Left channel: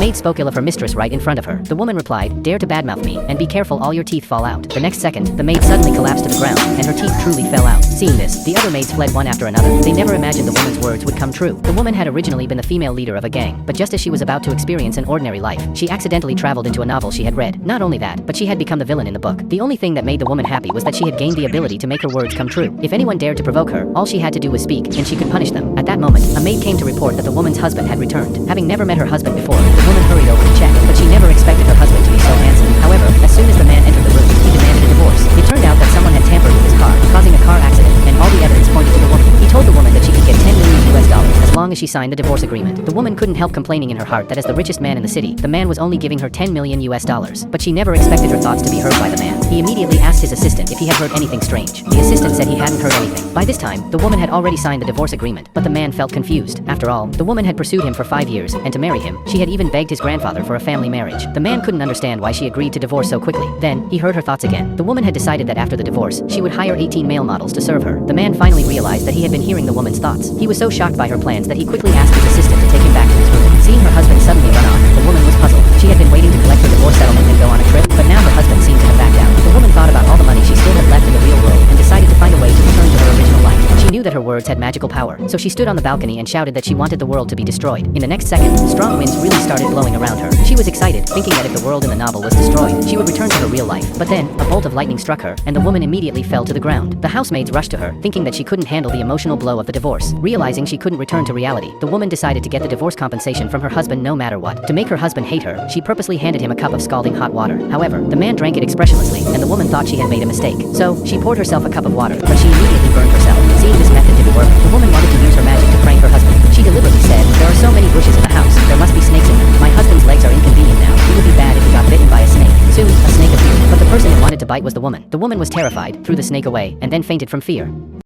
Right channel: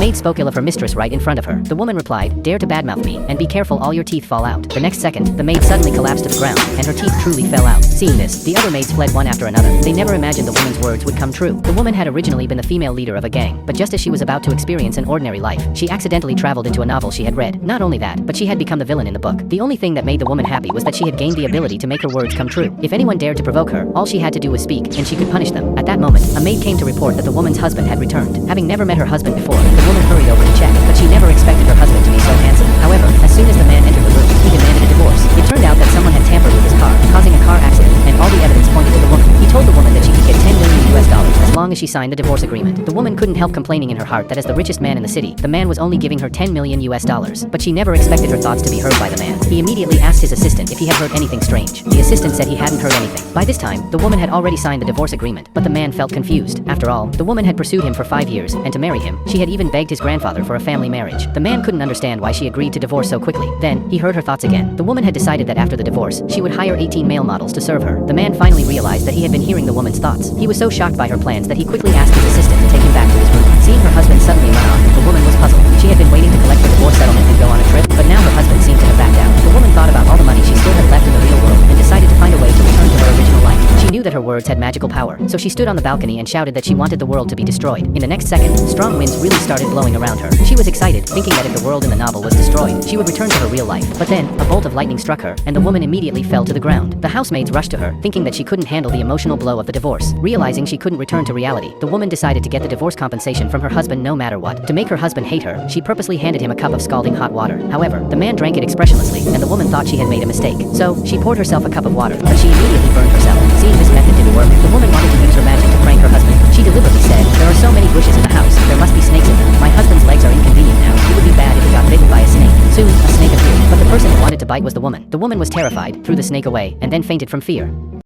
maid spoke ill of her mistress right in front of her. The woman replied, "Dare to badmouth me, and be careful all your teeth fall out." The next second, the maid suddenly collapsed to the ground, and her teeth truly fell out. Seeing this, the other maids fled one after another. They never imagined the woman's words would come true. The woman had originally been the female leader of a gang, but just as she was about to experience an ordinary life, she accidentally traveled into a novel she had read. Not only that, but she had become the villain in the book. The only thing that made the woman happy was that she had gained the ability to make her words come true. If anyone dared to provoke her, all she had to do was speak, and she could punish them. At that moment, a maid came to report that the woman's husband had returned. Having never met her husband before, the woman hurried over to check, but she never expected her husband to be so handsome. However, as soon as the man entered the room, he demanded a divorce. It turned out that someone had tampered with his car, causing a car accident, and all the evidence pointed to the woman. He told the woman that she could get $10 million as long as she signed the divorce agreement. The woman couldn't help complaining in her heart that as the richest man in the city, the man was only giving her $10 million. But she never expected her thoughts to be heard by the man. He immediately asked his assistant if he had heard anything strange. The assistant said he hadn't heard anything. By this time, the woman had already signed the divorce agreement, but the man felt confused. After all, the woman had pursued him for 5 years, and to marry him, she had even begged his grandfather for a family marriage. The man couldn't understand why she agreed to divorce so quickly. Then, he heard her thoughts again. The woman had decided that after the divorce, she would hire 18 male models to serve her. The man finally realized that he had been hearing the woman's thoughts. He was so shocked by her plans that he quickly asked his assistant to take him back to his room. Seeing her husband suddenly run off, the woman was puzzled. She had been waiting to collect her divorce settlement and go on a trip, but now her husband seemed to have backed out. The woman thought about all the money she still had left in the real world and decided to find a way to return to her original life. She knew that her words had magical power, so she stood on the balcony and shouted that she wanted the world to be destroyed. In the next second, strong winds really started blowing around her. She was excited, thinking that if the world in the novel was destroyed, she would return to her real life. But then, a bolt of lightning struck her, and the woman immediately fell to the ground. The housemaids rushed to her, thinking that she couldn't handle the emotional blow of the divorce. Realizing she couldn't return to reality, the woman decided to get the divorce compensation from her husband no matter what. To make her husband hate her, she purposely handed him a cup of scalding hot water. However, the man drank it expressionlessly, and the woman thought she had made a mistake. So, she poured herself a cup of water, but she immediately burned herself. Seeing this method didn't work, the woman wanted to use her magic to prank her husband. She deliberately said, "There are so many bushes in the house, there must be snakes in them. My husband's legs are inconvenient now. It would be bad if he got bitten by a snake." Soon, a snake appeared, but the person it wanted to bite was the woman. The woman was terrified, threw the snake away, and then fainted from fear.